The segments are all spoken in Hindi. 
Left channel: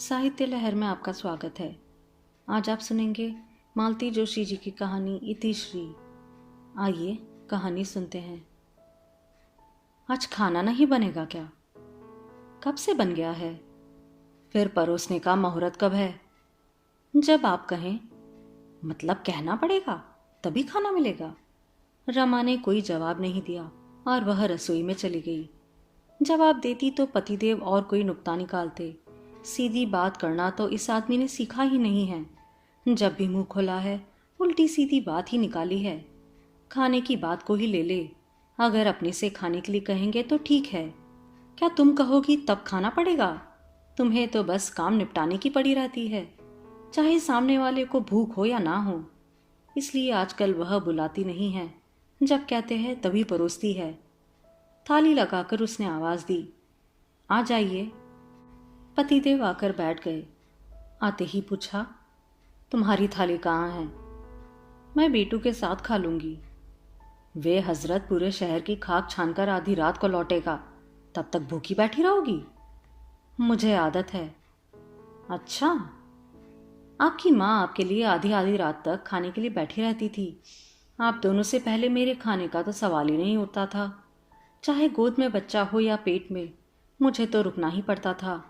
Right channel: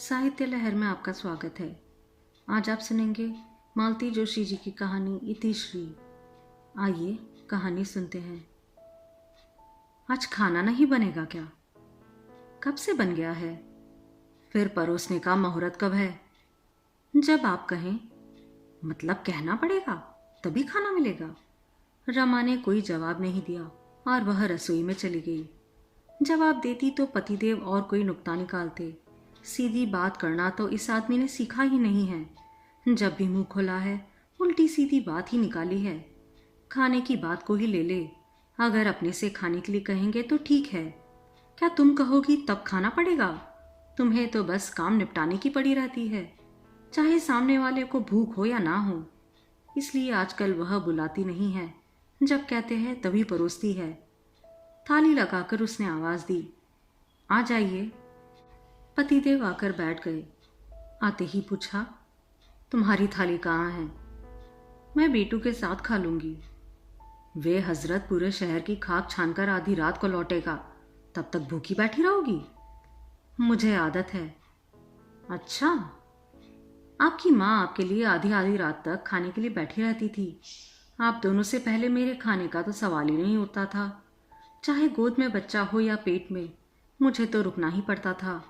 साहित्य लहर में आपका स्वागत है। आज आप सुनेंगे मालती जोशी जी की कहानी इतिश्री। आइए कहानी सुनते हैं। आज खाना नहीं बनेगा क्या? कब से बन गया है? फिर परोसने का मुहूर्त कब है? जब आप कहें। मतलब कहना पड़ेगा तभी खाना मिलेगा। रमा ने कोई जवाब नहीं दिया और वह रसोई में चली गई। जवाब देती तो पतिदेव और कोई नुक्ता निकालते। सीधी बात करना तो इस आदमी ने सीखा ही नहीं है। जब भी मुंह खोला है उल्टी सीधी बात ही निकाली है। खाने की बात को ही ले ले। अगर अपने से खाने के लिए कहेंगे तो ठीक है, क्या तुम कहोगी तब खाना पड़ेगा? तुम्हें तो बस काम निपटाने की पड़ी रहती है, चाहे सामने वाले को भूख हो या ना हो। इसलिए आजकल वह बुलाती नहीं है, जब कहते हैं तभी परोसती है। थाली लगाकर उसने आवाज दी, आ जाइए। पतिदेव आकर बैठ गए। आते ही पूछा, तुम्हारी थाली कहाँ है? मैं बेटू के साथ खा लूंगी। वे हजरत पूरे शहर की खाक छानकर आधी रात को लौटेगा, तब तक भूखी बैठी रहोगी? मुझे आदत है। अच्छा, आपकी माँ आपके लिए आधी आधी रात तक खाने के लिए बैठी रहती थी। आप दोनों से पहले मेरे खाने का तो सवाल ही नहीं उठता था। चाहे गोद में बच्चा हो या पेट में, मुझे तो रुकना ही पड़ता था।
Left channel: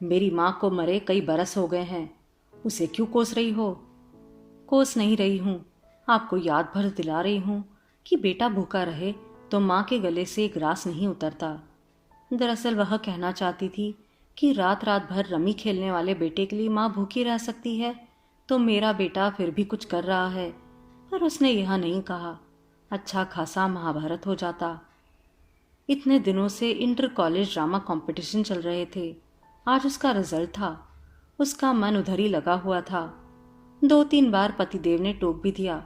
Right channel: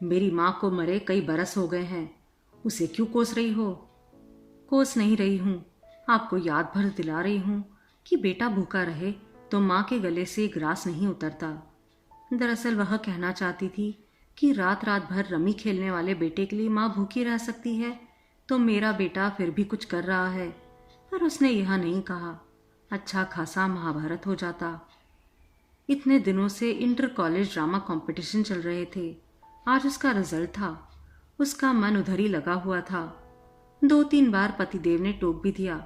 मेरी माँ को मरे कई बरस हो गए हैं, उसे क्यों कोस रही हो? कोस नहीं रही हूँ, आपको याद भर दिला रही हूँ कि बेटा भूखा रहे तो माँ के गले से ग्रास नहीं उतरता। दरअसल वह कहना चाहती थी कि रात रात भर रमी खेलने वाले बेटे के लिए माँ भूखी रह सकती है, तो मेरा बेटा फिर भी कुछ कर रहा है। पर उसने यह नहीं कहा, अच्छा खासा महाभारत हो जाता। इतने दिनों से इंटर कॉलेज ड्रामा कंपटीशन चल रहे थे। आज उसका रिजल्ट था। उसका मन उधर ही लगा हुआ था। 2-3 बार पतिदेव ने टोक भी दिया,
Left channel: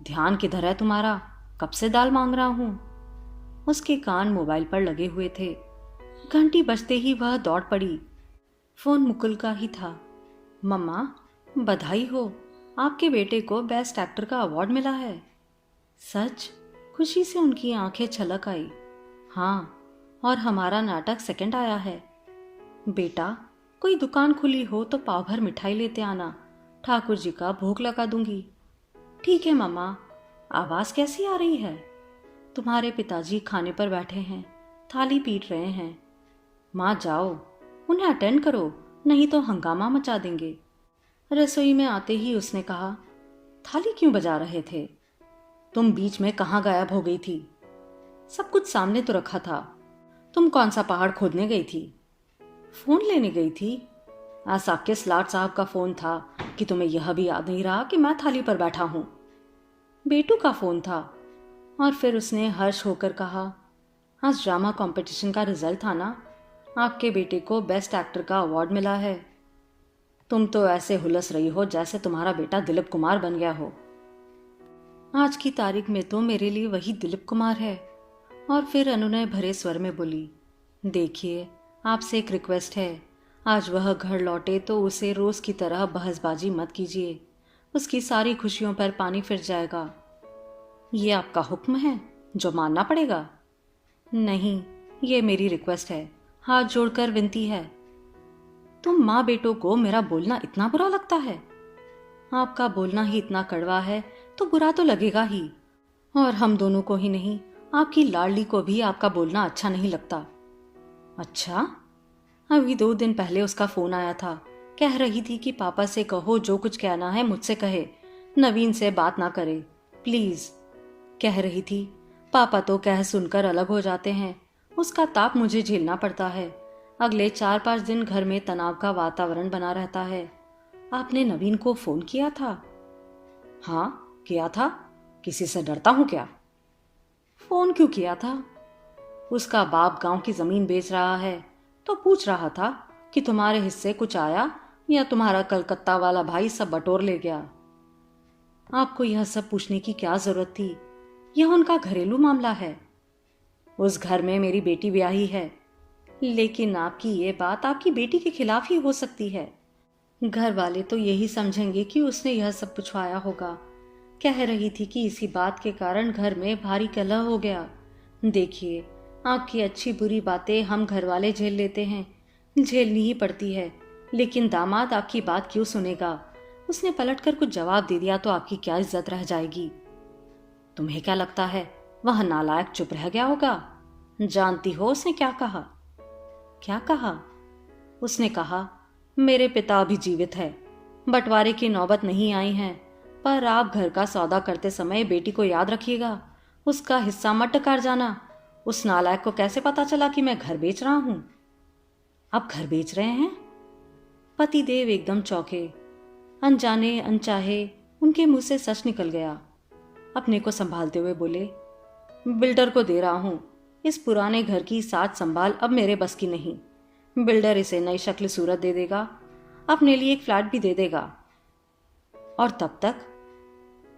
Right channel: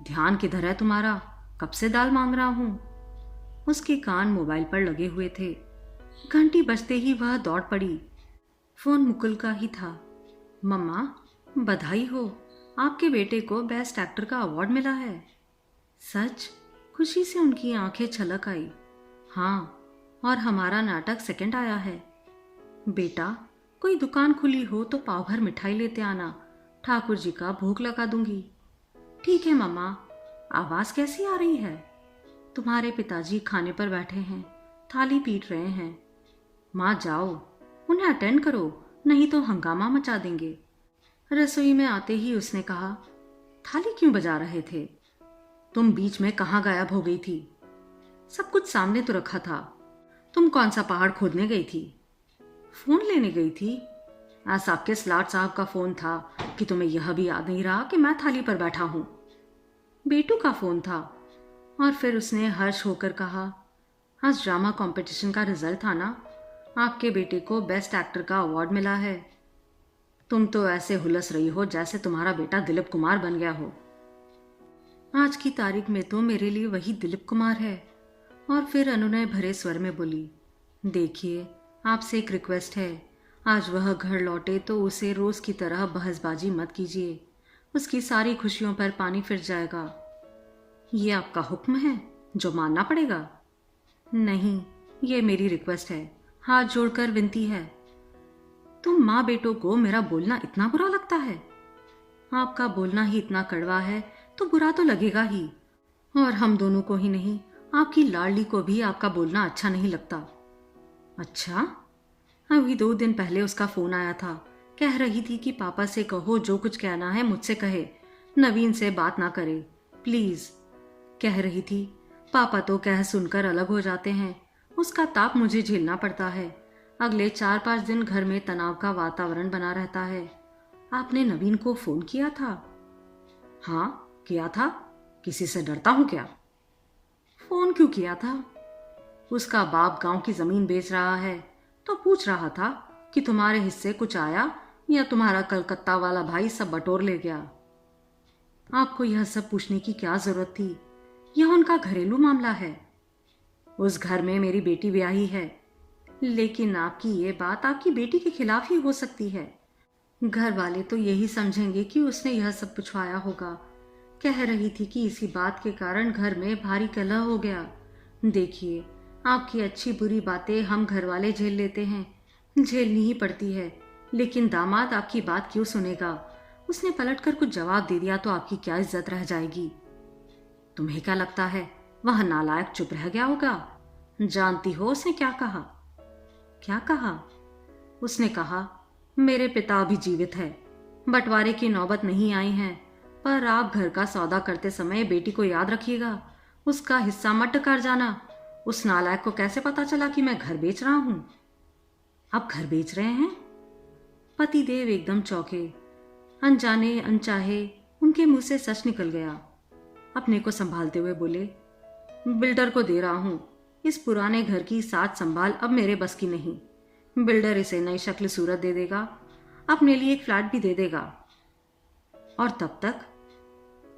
ध्यान किधर है तुम्हारा? कब से दाल मांग रहा हूं। उसके कान मोबाइल पर लगे हुए थे। घंटी बजते ही वह दौड़ पड़ी। फोन मुकुल का ही था। मम्मा, बधाई हो, आपके बेटे को बेस्ट एक्टर का अवार्ड मिला है। सच? खुशी से उनकी आंखें छलक आई। हाँ, और हमारा नाटक सेकंड आया है। बेटा, कोई दुकान खुली हो तो पाव भर मिठाई लेते आना, ठाकुर जी का भोग लगा दूंगी। ठीक है मम्मा। आवाज कैसी आ रही है? तुम्हारे पिताजी खाने पर बैठे हैं, थाली पीट रहे हैं। माँ जाओ, उन्हें अटेंड करो, नहीं तो हंगामा मचा देंगे। रसोई में आते ही उसने कहा, थाली क्यों बजा रहे थे? तुम बीच में कहाँ गायब हो गई थी? सब कुछ सामने तो रखा था। तुम कौन सा पहाड़ खोदने गई थी? फोन लेने गई थी। ऐसा किस लाट साहब का फोन था कि तुम्हें यह भी याद नहीं रहा कि मैं थाली पर बैठा हूं? बेटू का फोन था। और फिर उसने हर्ष होकर कहा, आज ड्रामा कंपटीशन का रिजल्ट था ना, आपके बेटे को बेस्ट एक्टर का अवार्ड मिला है। तुम तो ऐसे हुलस रही हो जैसे तुम्हारा बेटा दिलीप कुमार बन गया हो। आज की तारीख में तो मेरे लिए वही दिलीप कुमार है। और फिर अनुनय भरे स्वर में बोली, देखिए, आपसे एक रिक्वेस्ट है, आज वह घर लौटे तो उसे रोज की तरह बहसबाजी मत कीजिए। उसकी सारी खुशियों पर पानी फिर जाएगा। ये आपका हुक्म है जो मानना पड़ेगा? नहीं, ये मेरी रिक्वेस्ट है, हाथ जोड़कर विनती है। तुम माँ बेटों को मेरा बोलना इतना बुरा लगता है? आपका बोलना ही इतना कड़वा है तो बुरा तो लगेगा ही। और हम दोनों को ही नहीं, आपकी लाडली को भी आपका बोलना अच्छा नहीं लगता। अच्छा, अभी 2 दिन पहले उसका फोन आया था। कह रही थी कि पापा से कहो जो कुछ कहना है मुझसे कहे, नवीन से बात ना करे प्लीज। कह रही थी, पापा तो कह सुनकर अलग हो जाते हैं, उसका ताप मुझे झेलना पड़ता है। अगले 4-5 दिन घर में तनाव का वातावरण बना रहता है। आपने नवीन को फोन किया था? हाँ, किया था। किसी से डरता हूं क्या? फोन क्यों किया था? उसका बाप गांव की जमीन बेच रहा है, तो पूछ रहा था कि तुम्हारे हिस्से कुछ आया या तुम्हारा कलकत्ता वाला भाई सब बटोर ले गया। आपको यह सब पूछने की क्या जरूरत थी? यह उनका घरेलू मामला है। उस घर में मेरी बेटी ब्याही है, लेकिन आपकी ये बात आपकी बेटी के खिलाफ ही हो सकती है। घर वाले तो यही समझेंगे कि उसने यह सब पूछवाया होगा। कह रही थी कि इसी बात के कारण घर में भारी कलह हो गया। देखिए, आपकी अच्छी बुरी बातें हम घर वाले झेल लेते हैं, झेलनी ही पड़ती है, लेकिन दामाद आपकी बात क्यों सुनेगा? उसने पलटकर कुछ जवाब दे दिया तो आपकी क्या इज्जत रह जाएगी? तुम्हें क्या लगता है वह नालायक चुप रह गया होगा? जानती हो उसने क्या कहा? क्या कहा? उसने कहा, मेरे पिता अभी जीवित है, बंटवारे की नौबत नहीं आई है, पर आप घर का सौदा करते समय बेटी को याद रखिएगा, उसका हिस्सा मत टकार जाना। उस नालायक को कैसे पता चला कि मैं घर बेच रहा हूं? आप घर बेच रहे हैं? पतिदेव एकदम चौंके। अनजाने अनचाहे उनके मुंह से सच निकल गया। अपने को संभालते हुए बोले, बिल्डर को दे रहा हूं। इस पुराने घर की साज संभाल अब मेरे बस की नहीं। बिल्डर इसे नई शक्ल सूरत दे देगा, अपने लिए एक फ्लैट भी दे देगा, और तब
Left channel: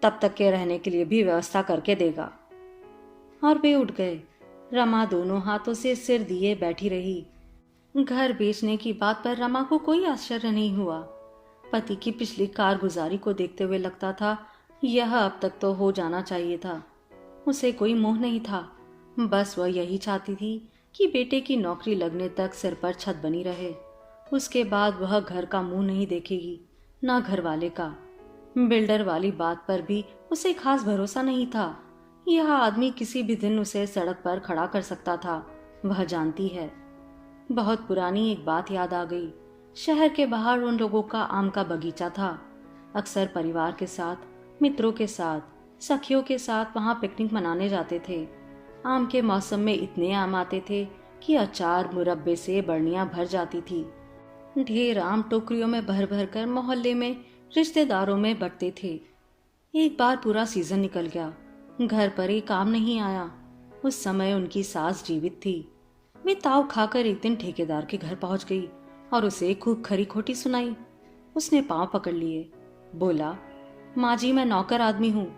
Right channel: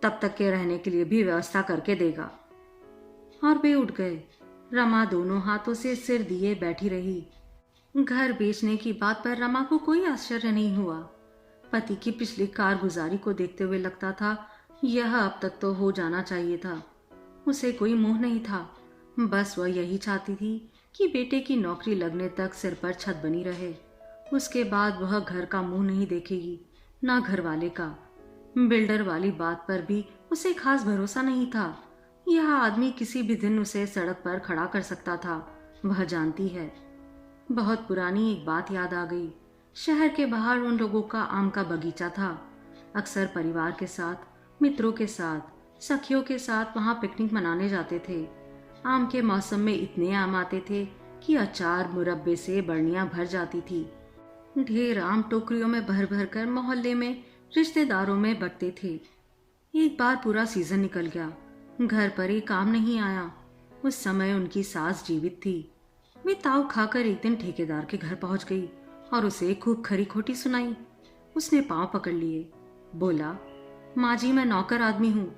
तक के रहने के लिए भी व्यवस्था करके देगा। और वे उठ गए। रमा दोनों हाथों से सिर दिए बैठी रही। घर बेचने की बात पर रमा को कोई आश्चर्य नहीं हुआ। पति की पिछली कारगुजारी को देखते हुए लगता था यह अब तक तो हो जाना चाहिए था। उसे कोई मोह नहीं था, बस वह यही चाहती थी कि बेटे की नौकरी लगने तक सिर पर छत बनी रहे। उसके बाद वह घर का मुंह नहीं देखेगी, ना घर वाले का। बिल्डर वाली बात पर भी उसे खास भरोसा नहीं था। यह आदमी किसी भी दिन उसे सड़क पर खड़ा कर सकता था, वह जानती है। बहुत पुरानी एक बात याद आ गई। शहर के बाहर उन लोगों का आम का बगीचा था। अक्सर परिवार के साथ, मित्रों के साथ, सखियों के साथ वहां पिकनिक मनाने जाते थे। आम के मौसम में इतने आम आते थे कि अचार मुरब्बे से बर्नियां भर जाती थी। ढेर आम टोकरियों में भर भर कर मोहल्ले में रिश्तेदारों में बंटते थे। एक बार पूरा सीजन निकल गया, घर पर एक आम नहीं आया। उस समय उनकी सास जीवित थी। वे ताव खाकर एक दिन ठेकेदार के घर पहुंच गई और उसे खूब खरी खोटी सुनाई। उसने पांव पकड़ लिए, बोला, माँ जी, मैं नौकर आदमी हूँ,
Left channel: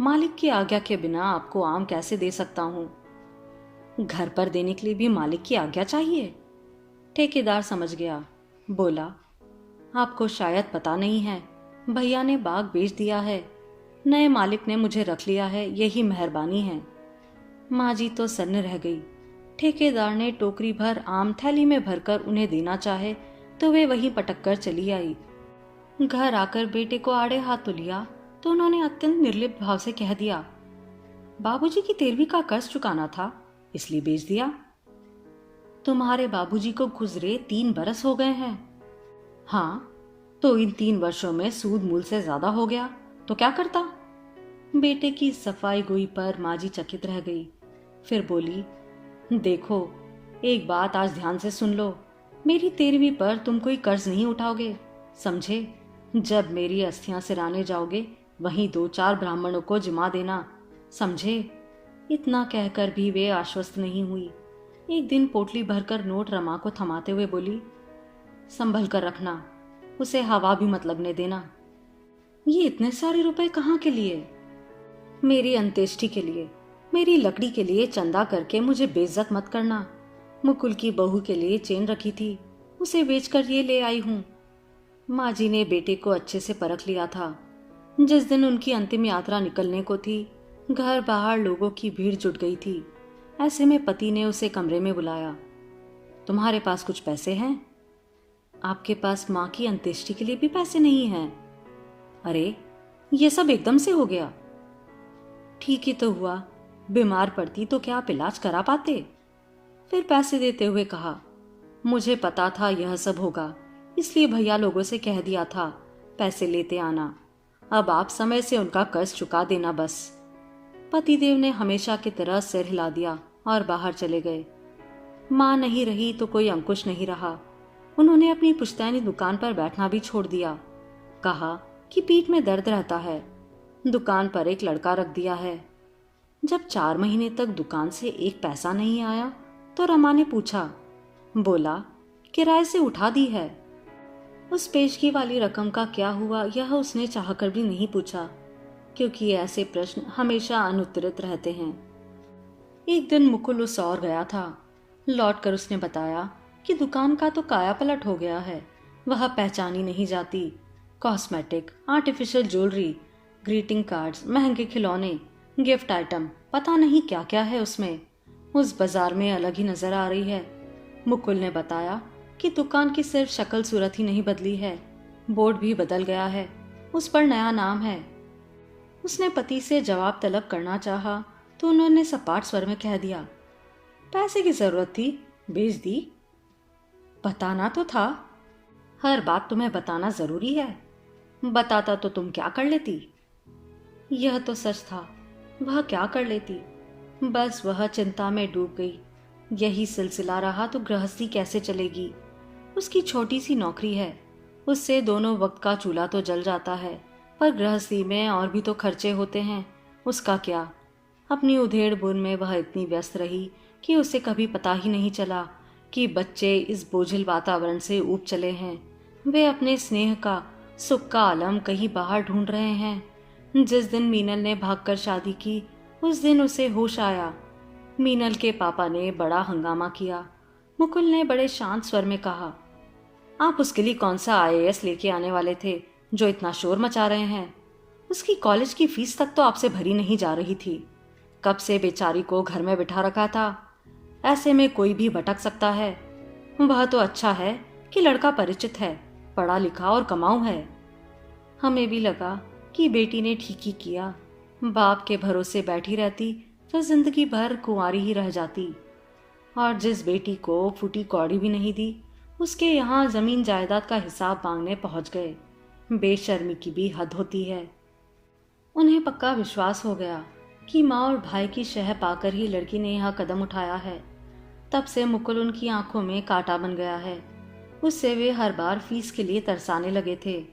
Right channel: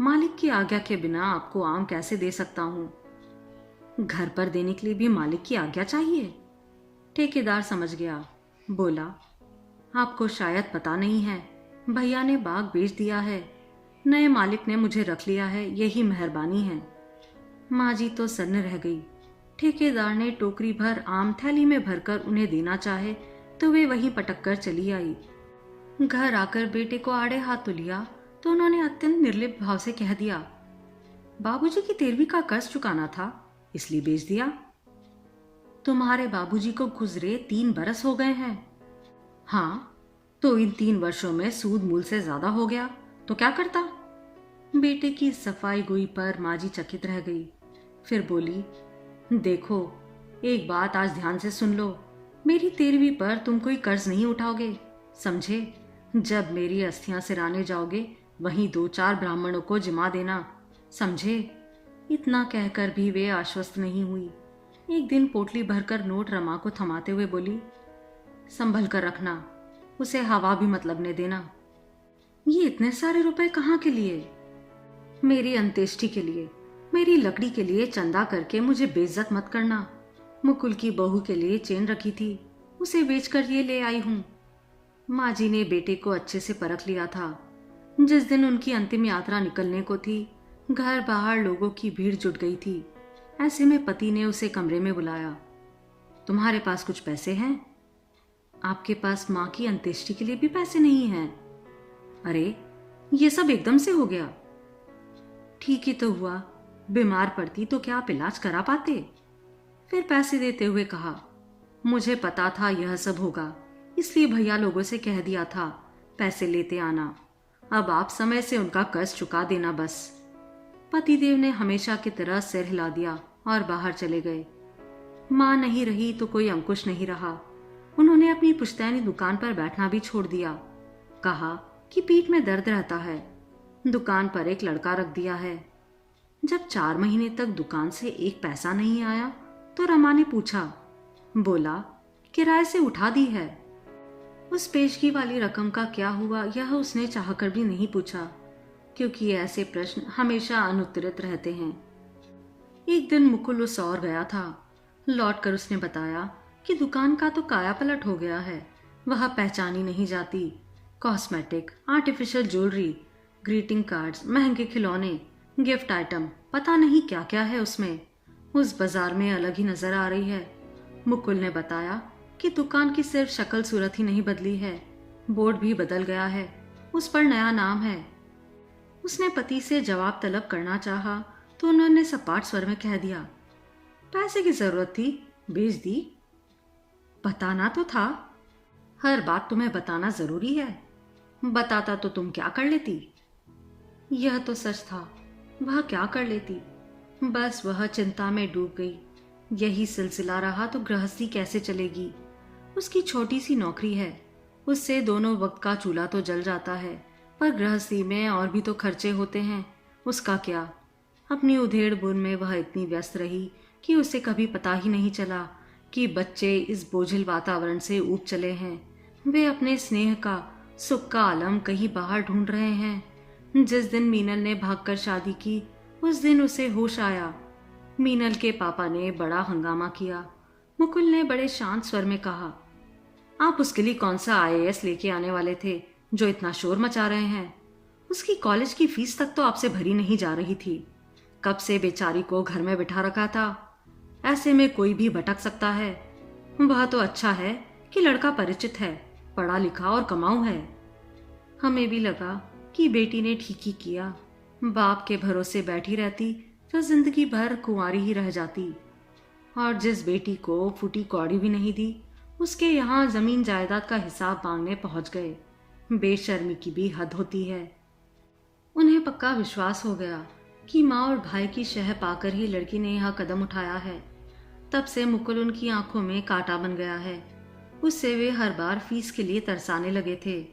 मालिक की आज्ञा के बिना आपको आम कैसे दे सकता हूँ? घर पर देने के लिए भी मालिक की आज्ञा चाहिए? ठेकेदार समझ गया, बोला, आपको शायद पता नहीं है, भैया ने बाग बेच दिया है, नए मालिक ने मुझे रख लिया है, यही मेहरबानी है। माँ जी तो सन्न रह गई। ठेकेदार ने टोकरी भर आम थैली में भरकर उन्हें देना चाहे तो वे वहीं पटक कर चली आई। घर आकर बेटे को आड़े हाथ तो लिया तो उन्होंने अत्यंत निर्लिप्त भाव से कह दिया, बाबूजी की 13वीं का कर्ज चुकाना था, इसलिए बेच दिया। तुम्हारे बाबूजी को गुजरे 3 बरस हो गए हैं। हाँ, तो इन 3 वर्षों में सूद मूल से ज्यादा हो गया तो क्या करता? बेटे की सफाई गोई पर माँ जी चकित रह गई। फिर बोली, देखो, एक बात आज ध्यान से सुन लो, मेरी 13वीं पर तुम कोई कर्ज नहीं उठाओगे, समझे? जब मेरी अस्थियां सिराने जाओगे वहीं 2-4 ब्राह्मणों को जिमा देना, समझे? इतना कहकर भी वे आश्वस्त नहीं हुई। एक दिन पोटली भरकर नोट रमा को थमाते हुए बोली, संभल कर रखना, उसे हवा भी मत लगने देना। ये इतने सारे रुपए कहाँ के लिए? मेरी अंत्येष्टि के लिए, मेरी लकड़ी के लिए चंदा करके मुझे बेइज्जत मत करना। मुकुल की बहू के लिए चेन रखी थी, उसे बेचकर ये ले आई हूँ। माँ जी ने बेटे को अच्छे से परख लिया था। जिस दिन उनकी अंतिम यात्रा निकलने को थी, घर बाहर लोगों की भीड़ जुट गई थी। ऐसे में पति ने उसे कमरे में बुलाया। तुम्हारे पास कुछ पैसे हैं? आपके पास माँ की अंत्येष्टि के लिए भी पैसे नहीं हैं? अरे, ये सब एकदम से हो गया। ठीक ही तो हुआ, बीमार पड़ती तो क्या आप इलाज करा पाते? फिर पैसे देते हुए कहा, मुझे पता था यह सब होगा, इसलिए भैया लोगों से कह दिया था पैसे लेते आना। अब आप समय से उनका कर्ज चुका देना बस। पतिदेव ने हमेशा की तरह सिर हिला दिया और बाहर चले गए। माँ नहीं रही तो कोई अंकुश नहीं रहा। उन्होंने अपनी पुश्तैनी दुकान पर बैठना भी छोड़ दिया। कहा कि पीठ में दर्द रहता है। दुकान पर एक लड़का रख दिया है। जब 4 महीने तक दुकान से एक पैसा नहीं आया तो रमा ने पूछा, बोला, किराए से उठा दी है। उस पेशगी वाली रकम का क्या हुआ यह उसने चाहकर भी नहीं पूछा, क्योंकि ऐसे प्रश्न हमेशा अनुत्तरित रहते हैं। एक दिन मुकुल उस और गया था। लौटकर उसने बताया कि दुकान का तो काया पलट हो गया है, वह पहचानी नहीं जाती। Cosmetic, artificial jewellery, greeting cards, महंगे खिलौने, गिफ्ट आइटम, पता नहीं क्या क्या है उसमें। उस बाजार में अलग ही नजर आ रही है। मुकुल ने बताया, कि दुकान की सिर्फ शक्ल सूरत ही नहीं बदली है, बोर्ड भी बदल गया है, उस पर नया नाम है। उसने पति से जवाब तलब करना चाहा तो उन्होंने सपाट स्वर में कह दिया, पैसे की जरूरत थी, बेच दी। बताना तो था। हर बात तुम्हें बताना जरूरी है? बताता तो तुम क्या कर लेती? यह तो सच था, वह क्या कर लेती। बस वह चिंता में डूब गई। यही सिलसिला रहा तो गृहस्थी कैसे चलेगी। उसकी छोटी सी नौकरी है, उससे दोनों वक्त का चूल्हा तो जल जाता है, पर गृहस्थी में और भी तो खर्चे होते हैं। उसका क्या? अपनी उधेड़-बुन में वह इतनी व्यस्त रही कि उसे कभी पता ही नहीं चला कि बच्चे इस बोझिल वातावरण से ऊब चले हैं। वे अपने स्नेह का, सुख का आलम कहीं बाहर ढूंढ रहे हैं। जिस दिन मीनल ने भागकर शादी की, उस दिन उसे होश आया। मीनल के पापा ने बड़ा हंगामा किया। मुकुल ने बड़े शांत स्वर में कहा, आप उसके लिए कौन सा आईएएस लेके आने वाले थे जो इतना शोर मचा रहे हैं? उसकी कॉलेज की फीस तक तो आपसे भरी नहीं जा रही थी। कब से बेचारी को घर में बिठा रखा था। ऐसे में कोई भी भटक सकता है। वह तो अच्छा है कि लड़का परिचित है, पढ़ा लिखा और कमाऊ है। हमें भी लगा कि बेटी ने ठीक ही किया। बाप के भरोसे बैठी रहती तो जिंदगी भर कुंवारी ही रह जाती। और जिस बेटी को फूटी कौड़ी भी नहीं दी, उसके यहाँ जमीन जायदाद का हिसाब मांगने पहुंच गए। बेशर्मी की भी हद होती है। उन्हें पक्का विश्वास हो गया कि माँ और भाई की शह पाकर ही लड़की ने यह कदम उठाया है। तब से मुकुल उनकी आंखों में कांटा बन गया है। उससे वे हर बार फीस के लिए तरसाने लगे थे।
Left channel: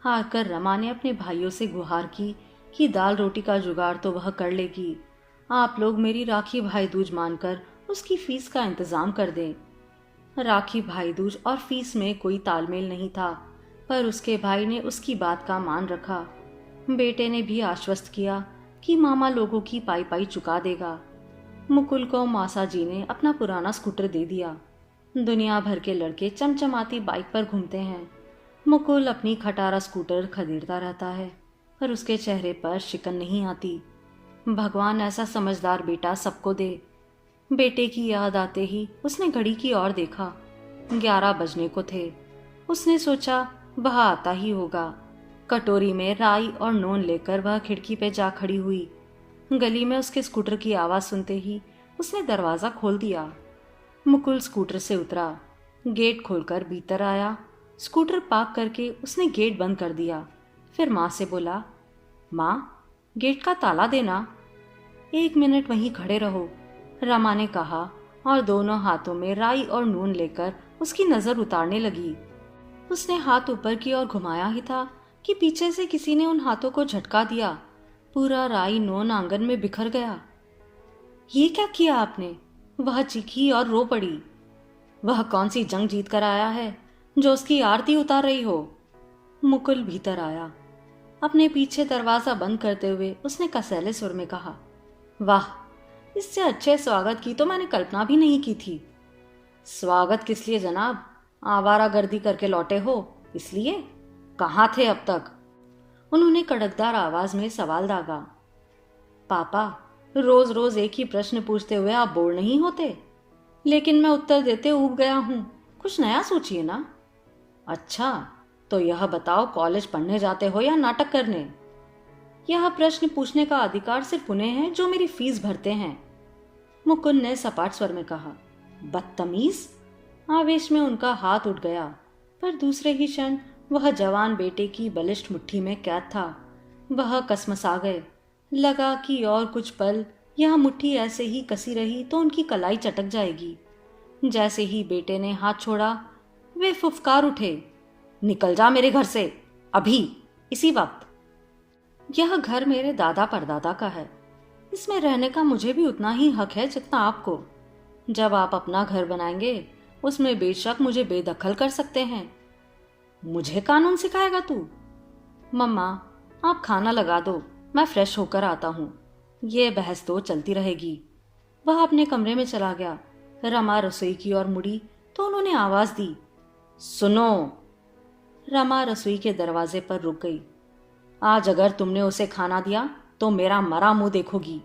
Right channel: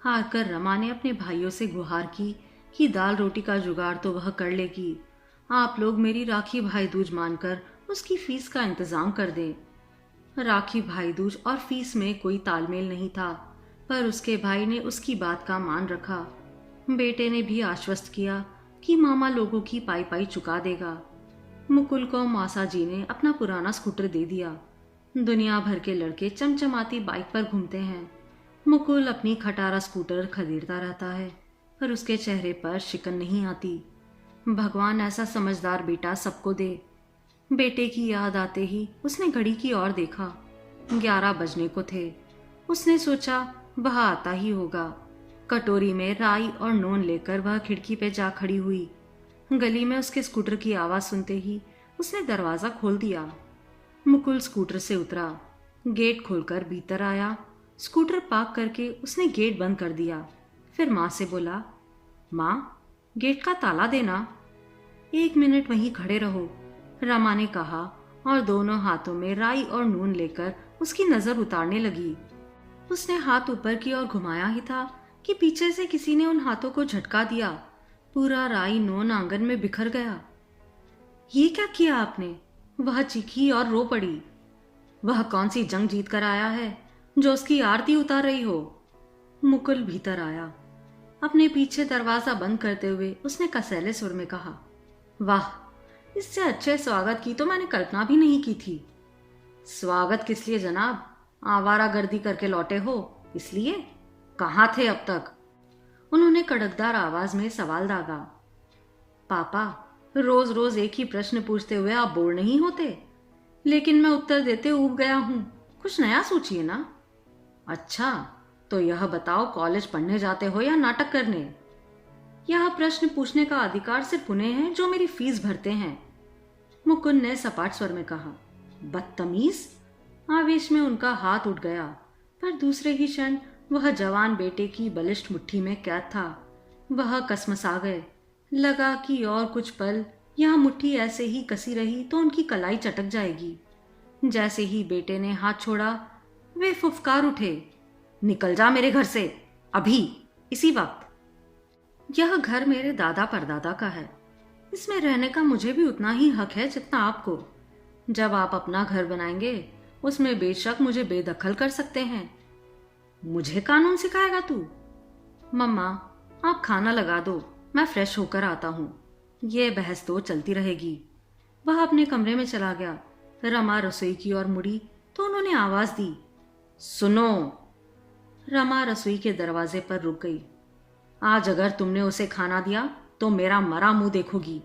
हार कर रमा ने अपने भाइयों से गुहार की कि दाल रोटी का जुगाड़ तो वह कर लेगी। आप लोग मेरी राखी भाई दूज मानकर उसकी फीस का इंतजाम कर दें। राखी भाई दूज और फीस में कोई तालमेल नहीं था, पर उसके भाई ने उसकी बात का मान रखा। बेटे ने भी आश्वस्त किया कि मामा लोगों की पाई पाई चुका देगा। मुकुल को मौसा जी ने अपना पुराना स्कूटर दे दिया। दुनिया भर के लड़के चमचमाती बाइक पर घूमते हैं। मुकुल अपनी खटारा स्कूटर खदेड़ता रहता है, पर उसके चेहरे पर शिकन नहीं आती। भगवान ऐसा समझदार बेटा सबको दे। बेटे की याद आते ही उसने घड़ी की ओर देखा। 11 बजने को थे। उसने सोचा वह आता ही होगा। कटोरी में राई और नून लेकर वह खिड़की पे जा खड़ी हुई। गली में उसके स्कूटर की आवाज सुनते ही उसने दरवाजा खोल दिया। मुकुल स्कूटर से उतरा, गेट खोलकर भीतर आया। स्कूटर पार्क करके उसने गेट बंद कर दिया। फिर माँ से बोला, माँ, गेट का ताला देना। 1 मिनट वहीं खड़े रहो, रमा ने कहा और दोनों हाथों में राई और नून लेकर उसकी नजर उतारने लगी। उसने हाथ ऊपर की ओर घुमाया ही था कि पीछे से किसी ने उन हाथों को झटका दिया। पूरा राई नून आंगन में बिखर गया। ये क्या किया आपने? वह चीखी और रो पड़ी। वह कौन सी जंग जीत कर आया है जो उसकी आरती उतार रही हो? मुकुल भीतर आया। अपने पीछे दरवाजा बंद करते हुए उसने कसैले सुर में कहा, वाह, इससे अच्छे स्वागत की तो मैंने कल्पना भी नहीं की थी। स्वागत किस लिए जनाब? आवारागर्दी करके लौटे हो इसलिए? कहाँ थे अब तक? उन्होंने कड़कदार आवाज में सवाल दागा। पापा, रोज रोज एक ही प्रश्न पूछते हुए आप बोर नहीं होते? लेकिन मैं उत्तर देते ऊब गया हूं, कुछ नया सोचिए ना। अच्छा, तो यह बताओ, कॉलेज पढ़ने जाते हो या नाटक करने? यह प्रश्न पूछने का अधिकार सिर्फ उन्हें है जो मेरी फीस भरते हैं, मुकुंद ने सपाट स्वर में कहा। बदतमीज! आवेश में उनका हाथ उठ गया, पर दूसरे ही क्षण वह जवान बेटे की बलिष्ठ मुट्ठी में कैद था। वह कसमसा गए। लगा कि और कुछ पल यह मुट्ठी ऐसे ही कसी रही तो उनकी कलाई चटक जाएगी। जैसे ही बेटे ने हाथ छोड़ा, वे फुफकार उठे, निकल जा मेरे घर से, अभी, इसी वक्त। यह घर मेरे दादा परदादा का है। इसमें रहने का मुझे भी उतना ही हक है जितना आपको। जब आप अपना घर बनाएंगे, उसमें बेशक मुझे बेदखल कर सकते हैं। मुझे कानून सिखाएगा तू? मम्मा, आप खाना लगा दो, मैं फ्रेश होकर आता हूँ। ये बहस तो चलती रहेगी। वह अपने कमरे में चला गया। रमा रसोई की ओर मुड़ी तो उन्होंने आवाज दी, सुनो। रमा रसोई के दरवाजे पर रुक गई। आज अगर तुमने उसे खाना दिया तो मेरा मरा मुंह देखोगी।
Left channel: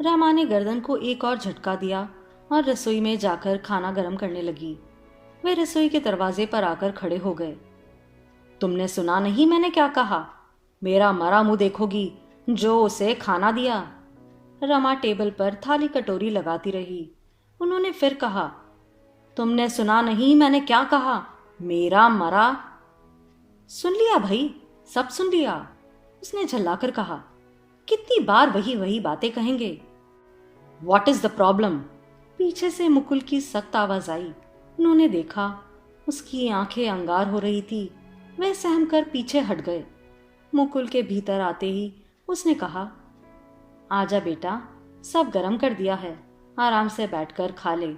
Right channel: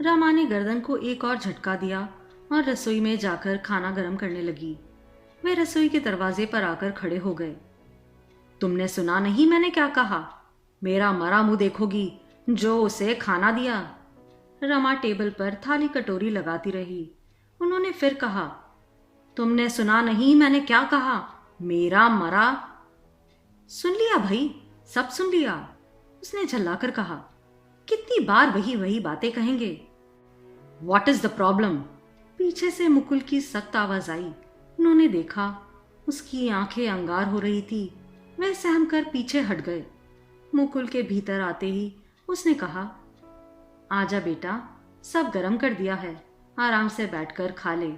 रमा ने गर्दन को एक और झटका दिया और रसोई में जाकर खाना गर्म करने लगी। वे रसोई के दरवाजे पर आकर खड़े हो गए। तुमने सुना नहीं मैंने क्या कहा? मेरा मरा मुंह देखोगी जो उसे खाना दिया। रमा टेबल पर थाली कटोरी लगाती रही। उन्होंने फिर कहा, तुमने सुना नहीं मैंने क्या कहा? मेरा मरा। सुन लिया भाई, सब सुन लिया, उसने झल्लाकर कहा। कितनी बार वही वही बातें कहेंगे? What is the problem? पीछे से मुकुल की सख्त आवाज आई। उन्होंने देखा उसकी आंखें अंगार हो रही थी। वह सहम कर पीछे हट गए। मुकुल के भीतर आते ही उसने कहा, आजा बेटा, सब गरम कर दिया है, आराम से बैठकर खा ले।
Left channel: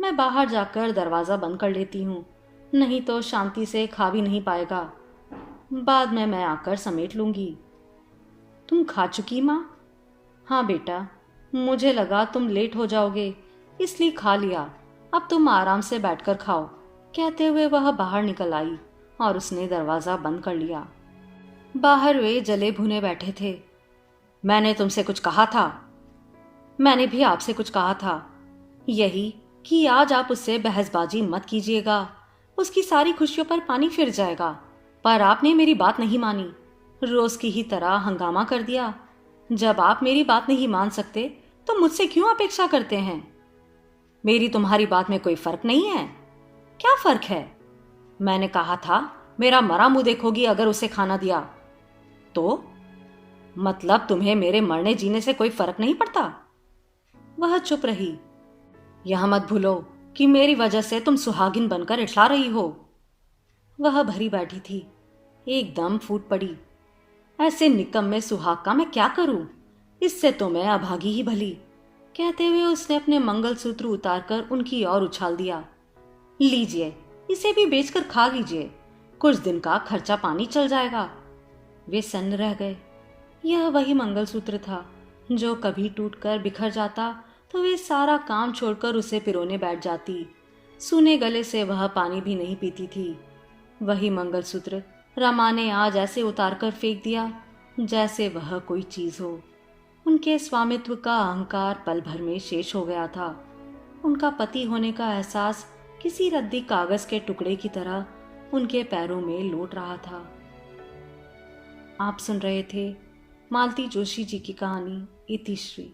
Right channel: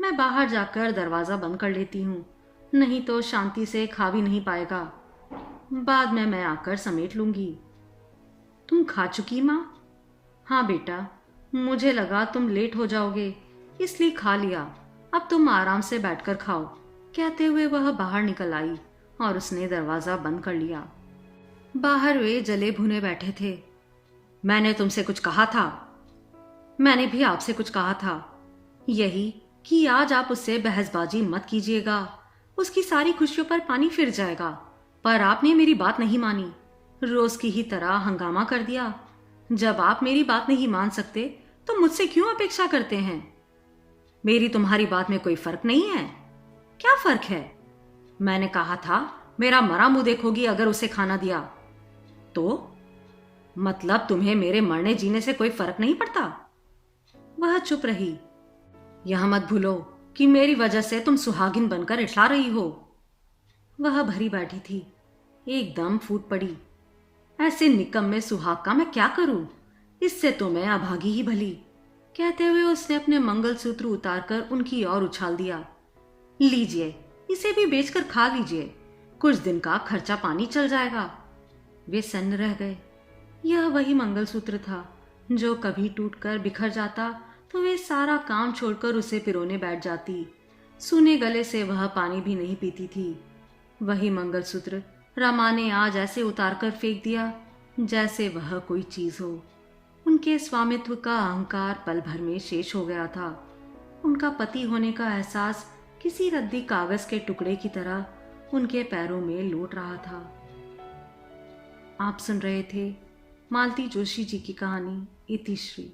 मैं बाहर जाकर दरवाजा बंद कर लेती हूँ, नहीं तो शांति से खा भी नहीं पाएगा। बाद में मैं आकर समेट लूंगी। तुम खा चुकी माँ? हाँ बेटा, मुझे लगा तुम लेट हो जाओगे इसलिए खा लिया। अब तुम आराम से बैठकर खाओ। कहते हुए वह बाहर निकल आई और उसने दरवाजा बंद कर लिया। बाहर वे जले भुने बैठे थे। मैंने तुमसे कुछ कहा था? मैंने भी आपसे कुछ कहा था, यही कि आज आप उससे बहसबाजी मत कीजिएगा, उसकी सारी खुशियों पर पानी फिर जाएगा। पर आपने मेरी बात नहीं मानी, रोज की ही तरह हंगामा कर दिया। जब आप मेरी बात नहीं मान सकते तो मुझसे क्यों अपेक्षा करते हैं? मेरी तुम्हारी बात में कोई फर्क नहीं है? क्या फर्क है? मैंने कहा था मेरा मरा मुंह देखोगी अगर उसे खाना दिया तो? मतलब तुम्हें मेरे मरने जीने से कोई फर्क नहीं पड़ता? वह चुप रही। यह मत भूलो कि मेरी वजह से तुम सुहागिन बनकर इठला रही हो। वह भरी बैठी थी, एकदम फूट पड़ी। ऐसे निकम्मे सुहाग का मैं क्या करूं? इससे तो मैं अभागी ही भली। कहते हुए उसने अपने मंगलसूत्र उतारकर उनकी ओर उछाल दिया। लीजिए, इसे भी बेचकर खा लीजिए, कुछ दिन का खर्चा पानी चल जाएगा। वे सन्न रह गए। यह वही मंगलसूत्र था जो कभी टूटकर बिखर जाता तो वे सारा काम छोड़कर उसे पिरोने बैठ जाती। सूने गले से वह पानी भी नहीं पीती थी। वही मंगलसूत्र रमा ने आज ऐसे उतारकर फेंक दिया जैसे वह कोई चीज हो। उनके स्वामित्व का अहंकार पल भर में शेष हो गया था। उनका पति होने का एहसास किसी रद्दी कागज के टुकड़े की तरह उनके पैरों में लौट रहा था। आप सुन रहे थे मालती जोशी जी की कहानी इतिश्री।